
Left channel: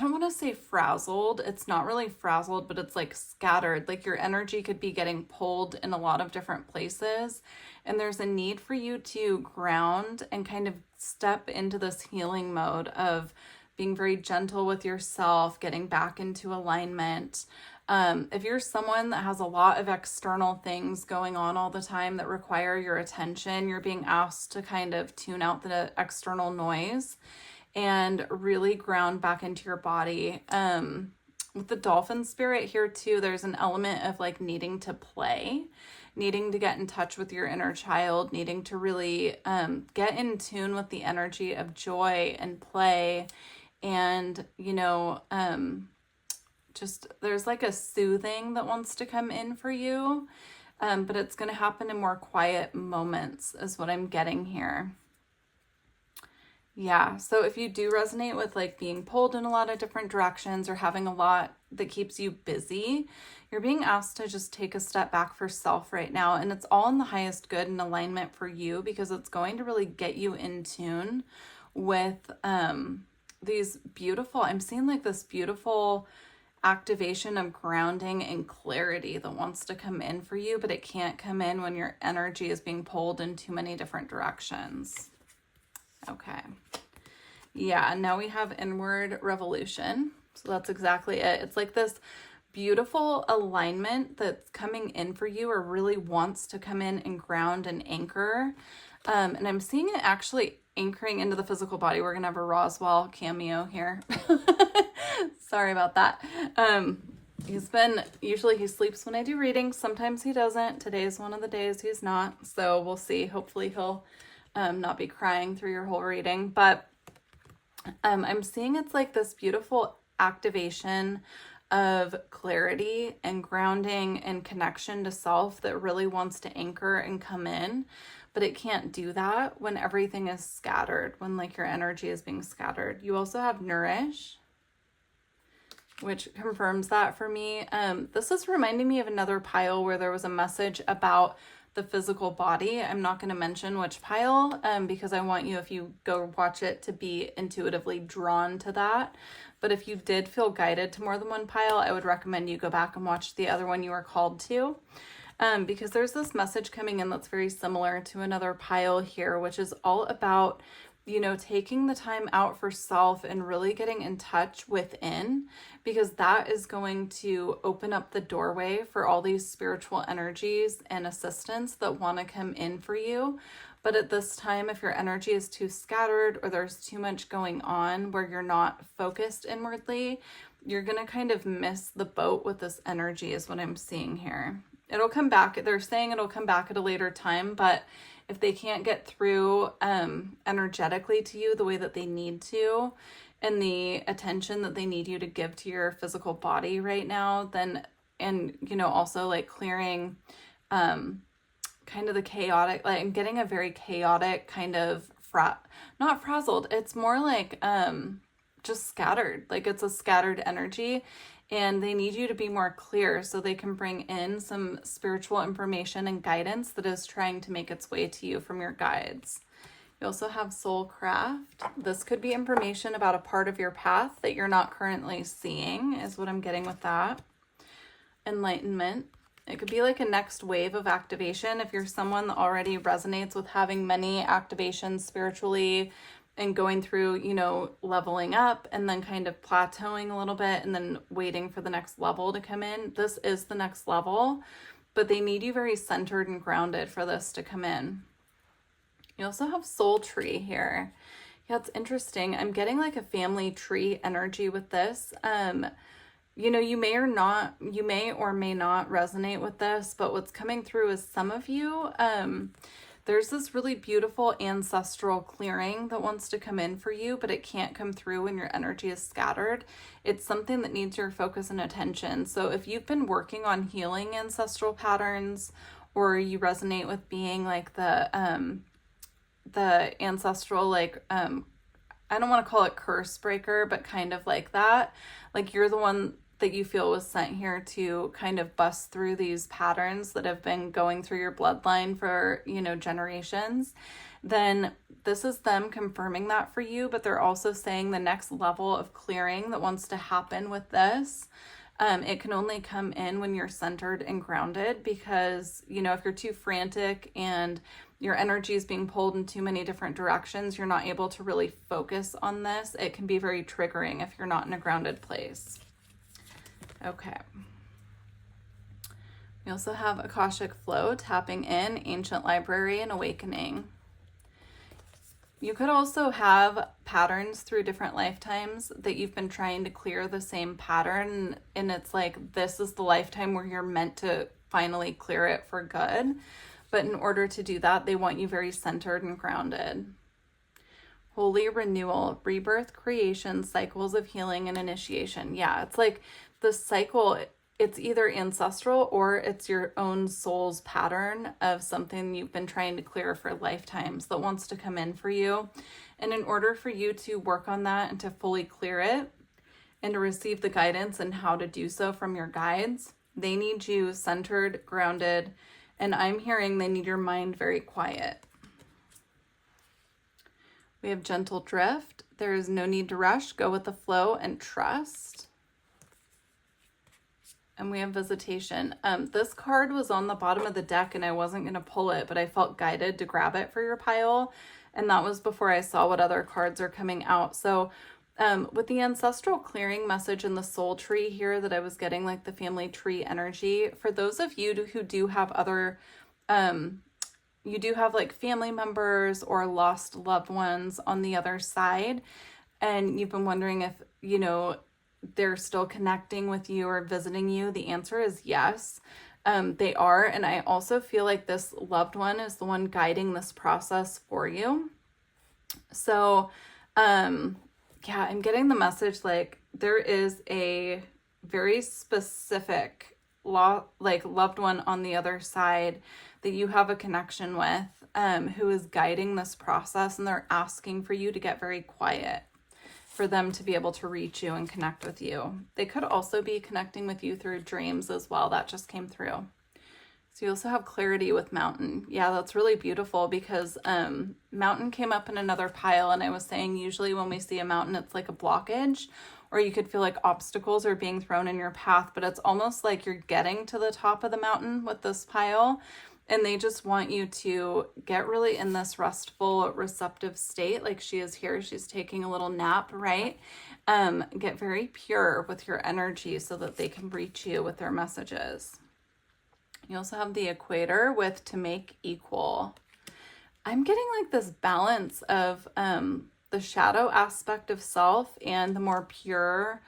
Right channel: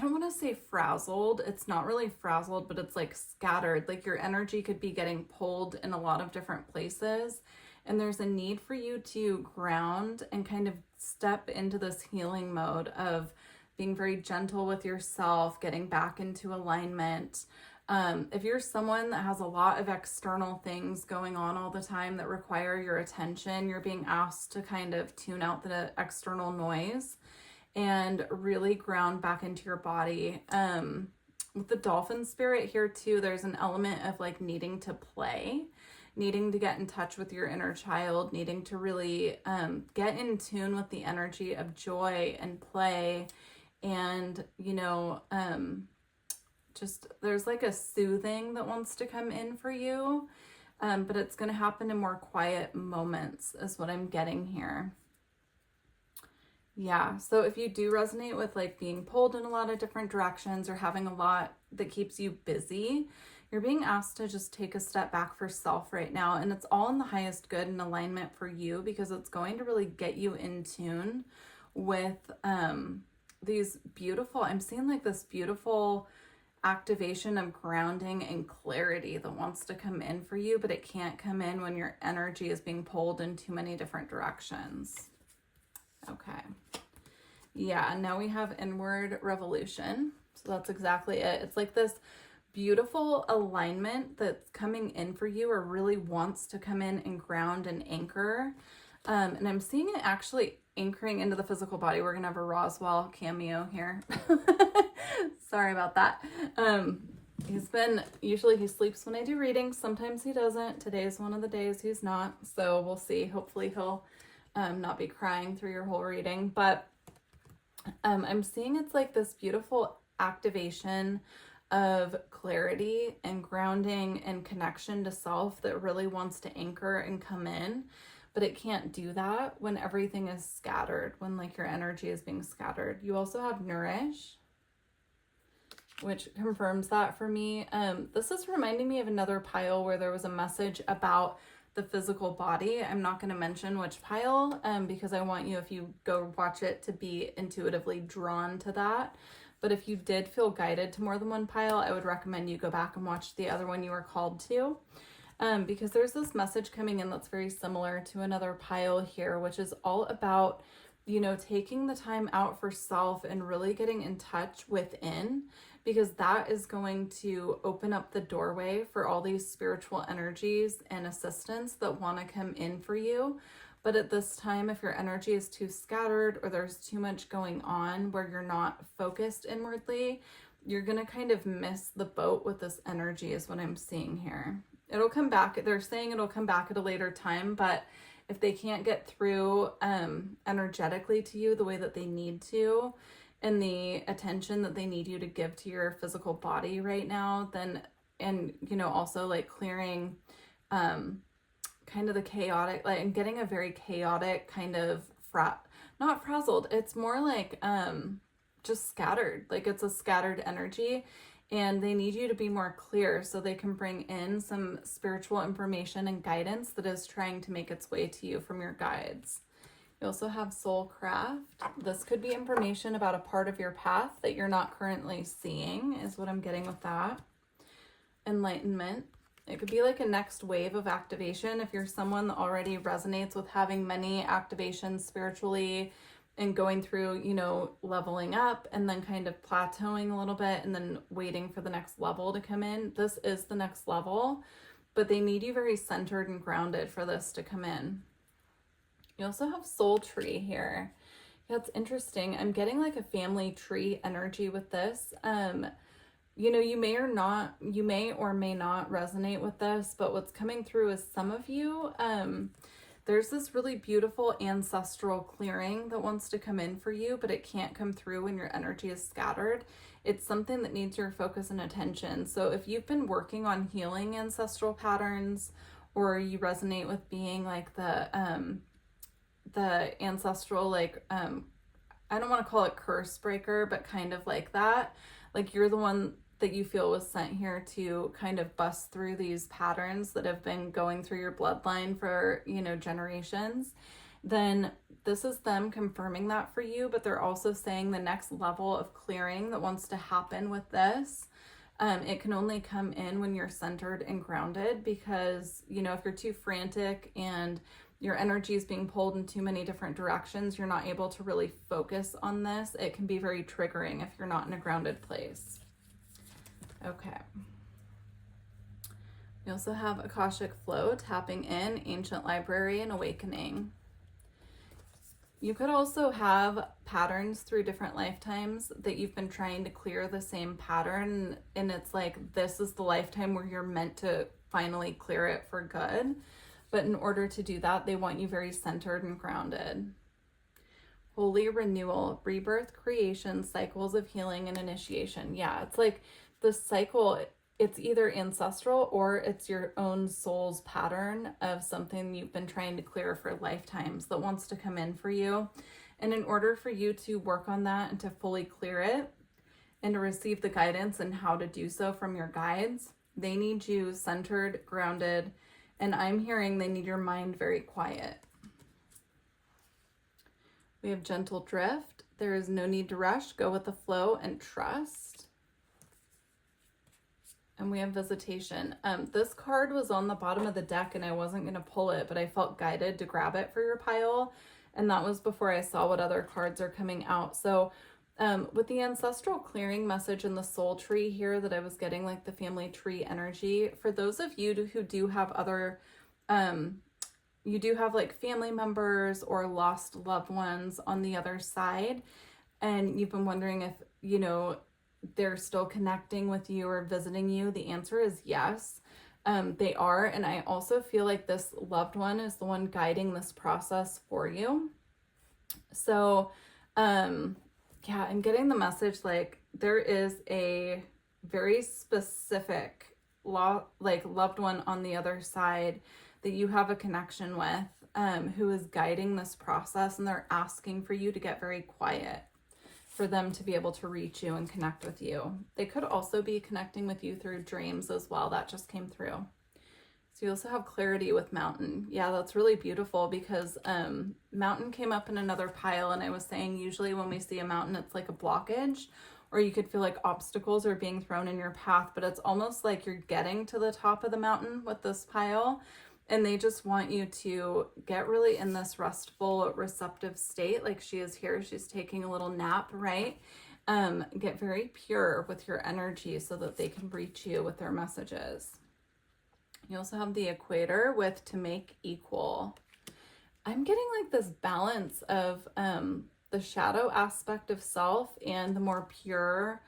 don't want to say frazzled. It's not really frazzled, but it's like scattered. Like your energy could be getting pulled in a lot of different places. And there's a need for you to ground and kind of step into this healing mode of being very gentle with yourself, getting back into alignment. If you're someone that has a lot of external things going on all the time that require your attention, you're being asked to kind of tune out the external noise and really ground back into your body. With the dolphin spirit here too, there's an element of like needing to play, needing to get in touch with your inner child, needing to really get in tune with the energy of joy and play. And, you know, just there's like a soothing that wants to come in for you. But it's going to happen in more quiet moments is what I'm getting here. Yeah, so if you do resonate with like being pulled in a lot of different directions or having a lot that keeps you busy, you're being asked to just take a step back for self right now. And it's all in the highest good and alignment for you, because it's going to really get you in tune with these beautiful, I'm seeing like this beautiful activation of grounding and clarity that wants to come in for you, but it can't come in when your energy is being pulled in too many different directions. Okay. Yeah, and now we have inward revolution. So that's exactly it. It's like this beautiful alignment that's coming in for you, or really wants to come in and ground and anchor. And I'm seeing it actually anchoring into the physical body. We're going to have a Roswell cameo here. Sorry about that. Usually he sleeps when I do readings. Sometimes he doesn't. Today's one of the days he's not. So we'll see. Hopefully he'll not be crying through your whole reading. But I'm seeing it's like this beautiful activation of clarity and grounding and connection to self that really wants to anchor and come in. But it can't do that when everything is scattered, when like your energy is being scattered. You also have nourish, which confirms that for me. This is reminding me of another pile where there was a message about the physical body. I'm not going to mention which pile because I want you, if you go watch it, to be intuitively drawn to that. But if you did feel guided to more than one pile, I would recommend you go back and watch the other one you were called to. Because there's this message coming in that's very similar to another pile here, which is all about, you know, taking the time out for self and really getting in touch within, because that is going to open up the doorway for all these spiritual energies and assistance that want to come in for you. But at this time, if your energy is too scattered or there's too much going on where you're not focused inwardly, you're going to kind of miss the boat with this energy is what I'm seeing here. It'll come back. They're saying it'll come back at a later time, but if they can't get through energetically to you the way that they need to, and the attention that they need you to give to your physical body right now, then, and, you know, also like clearing kind of the chaotic, like, and getting a very chaotic kind of not frazzled. It's more like just scattered. Like it's a scattered energy. And they need you to be more clear so they can bring in some spiritual information and guidance that is trying to make its way to you from your guides. You also have Soulcraft. This could be information about a part of your path that you're not currently seeing, is what I'm getting with that. Enlightenment. It could be like a next wave of activation. If you're someone that already resonates with having many activations spiritually, and going through, you know, leveling up and then kind of plateauing a little bit and then waiting for the next level to come in. This is the next level, but they need you very centered and grounded for this to come in. You also have Soul Tree here. Yeah, it's interesting. I'm getting like a family tree energy with this. You know, you may or may not resonate with this, but what's coming through is some of you, there's this really beautiful ancestral clearing that wants to come in for you, but it can't come through when your energy is scattered. It's something that needs your focus and attention. So if you've been working on healing ancestral patterns, or you resonate with being like the ancestral, like, I don't want to call it curse breaker, but kind of like that. Like you're the one that you feel was sent here to kind of bust through these patterns that have been going through your bloodline for, you know, generations, then this is them confirming that for you. But they're also saying the next level of clearing that wants to happen with this, it can only come in when you're centered and grounded, because, you know, if you're too frantic and your energy is being pulled in too many different directions, you're not able to really focus on this. It can be very triggering if you're not in a grounded place. Okay. We also have Akashic Flow, tapping in, Ancient Library, and Awakening. You could also have patterns through different lifetimes that you've been trying to clear the same pattern, and it's like this is the lifetime where you're meant to finally clear it for good. But in order to do that, they want you very centered and grounded. Holy renewal, rebirth, creation, cycles of healing, and initiation. Yeah, it's like the cycle, it's either ancestral or it's your own soul's pattern of something you've been trying to clear for lifetimes that wants to come in for you. And in order for you to work on that and to fully clear it and to receive the guidance and how to do so from your guides, they need you centered, grounded, and I'm hearing they need your mind very quiet. We have gentle drift. There is no need to rush. Go with the flow and trust. And we have visitation. This card was on the bottom of the deck and I wasn't going to pull it, but I felt guided to grab it for your pile. And that was before I saw what other cards are coming out. So with the ancestral clearing message in the soul tree here that I was getting, like the family tree energy, for those of you who do have other you do have like family members or lost loved ones on the other side, and you've been wondering if, you know, they're still connecting with you or visiting you, the answer is yes, they are. And I also feel like this loved one is the one guiding this process for you. So, yeah, I'm getting the message like there is a very specific loved one on the other side that you have a connection with, who is guiding this process, and they're asking for you to get very quiet for them to be able to reach you and connect with you. They could also be connecting with you through dreams as well. That just came through. So you also have clarity with mountain. Yeah, that's really beautiful because mountain came up in another pile, and I was saying usually when we see a mountain, it's like a blockage, or you could feel like obstacles are being thrown in your path, but it's almost like you're getting to the top of the mountain with this pile. And they just want you to get really in this restful, receptive state. Like she is here, she's taking a little nap, right? Get very pure with your energy so that they can reach you with their messages. You also have the equator with to make equal. I'm getting like this balance of the shadow aspect of self and the more pure,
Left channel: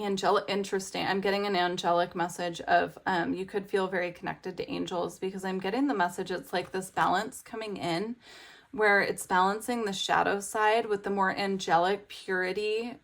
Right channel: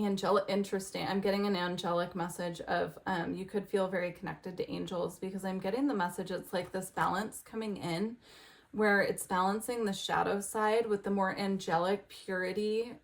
angelic. Interesting. I'm getting an angelic message of you could feel very connected to angels, because I'm getting the message it's like this balance coming in where it's balancing the shadow side with the more angelic purity,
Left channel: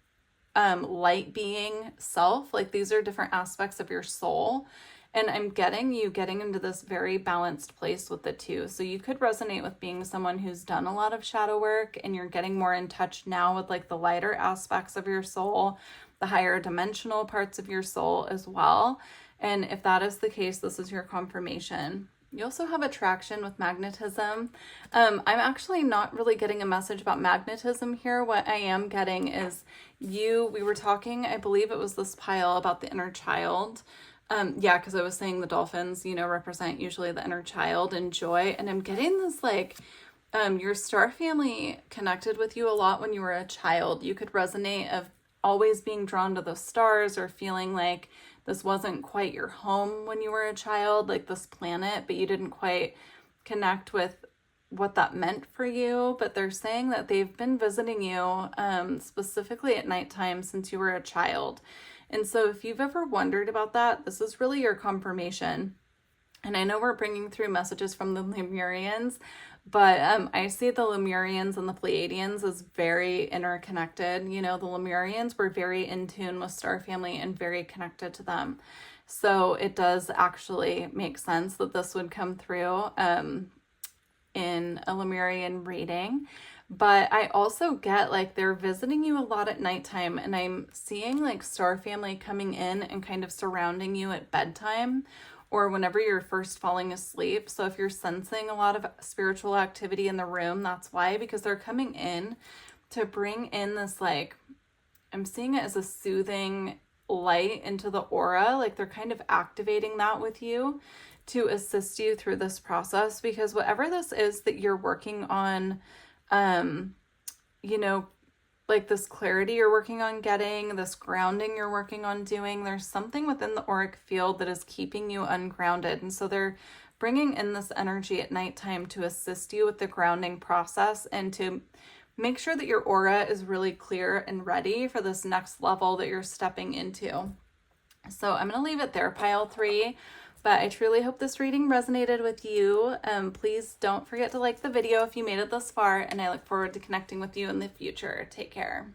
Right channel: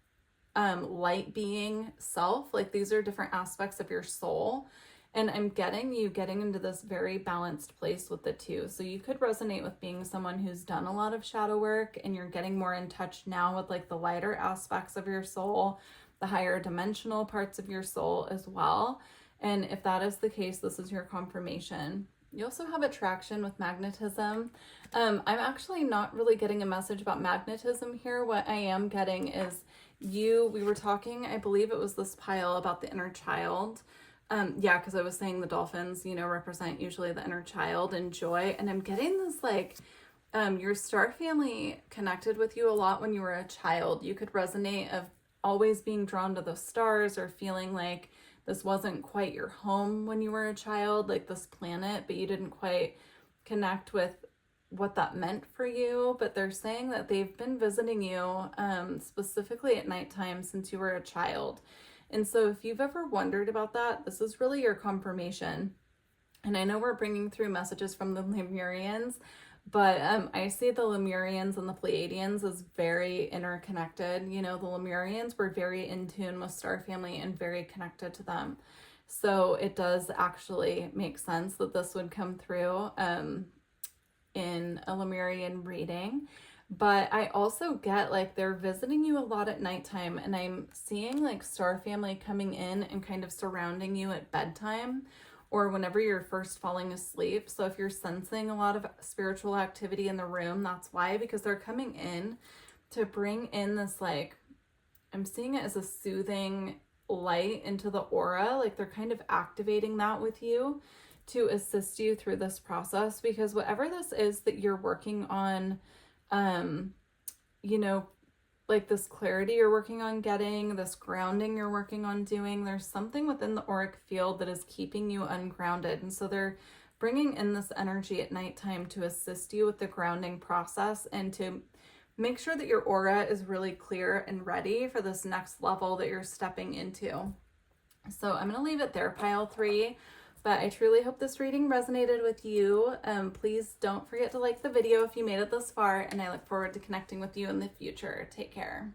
light being self. Like these are different aspects of your soul, and I'm getting you getting into this very balanced place with the two. So you could resonate with being someone who's done a lot of shadow work and you're getting more in touch now with like the lighter aspects of your soul, the higher dimensional parts of your soul as well. And if that is the case, this is your confirmation. You also have attraction with magnetism. I'm actually not really getting a message about magnetism here. What I am getting is we were talking, I believe it was this pile, about the inner child. Yeah, because I was saying the dolphins, you know, represent usually the inner child and joy. And I'm getting this like, your star family connected with you a lot when you were a child. You could resonate of always being drawn to the stars, or feeling like this wasn't quite your home when you were a child, like this planet, but you didn't quite connect with what that meant for you. But they're saying that they've been visiting you specifically at nighttime since you were a child. And so if you've ever wondered about that, this is really your confirmation. And I know we're bringing through messages from the Lemurians, but I see the Lemurians and the Pleiadians as very interconnected. You know, the Lemurians were very in tune with Star Family and very connected to them. So it does actually make sense that this would come through in a Lemurian reading. But I also get like they're visiting you a lot at nighttime, and I'm seeing like Star Family coming in and kind of surrounding you at bedtime, or whenever you're first falling asleep. So if you're sensing a lot of spiritual activity in the room, that's why, because they're coming in to bring in this, like, I'm seeing it as a soothing light into the aura. Like they're kind of activating that with you to assist you through this process, because whatever this is that you're working on, you know, like this clarity you're working on getting, this grounding you're working on doing, there's something within the auric field that is keeping you ungrounded. And so they're bringing in this energy at nighttime to assist you with the grounding process and to make sure that your aura is really clear and ready for this next level that you're stepping into. So I'm going to leave it there, pile 3. But I truly hope this reading resonated with you. Please don't forget to like the video if you made it this far, and I look forward to connecting with you in the future. Take care.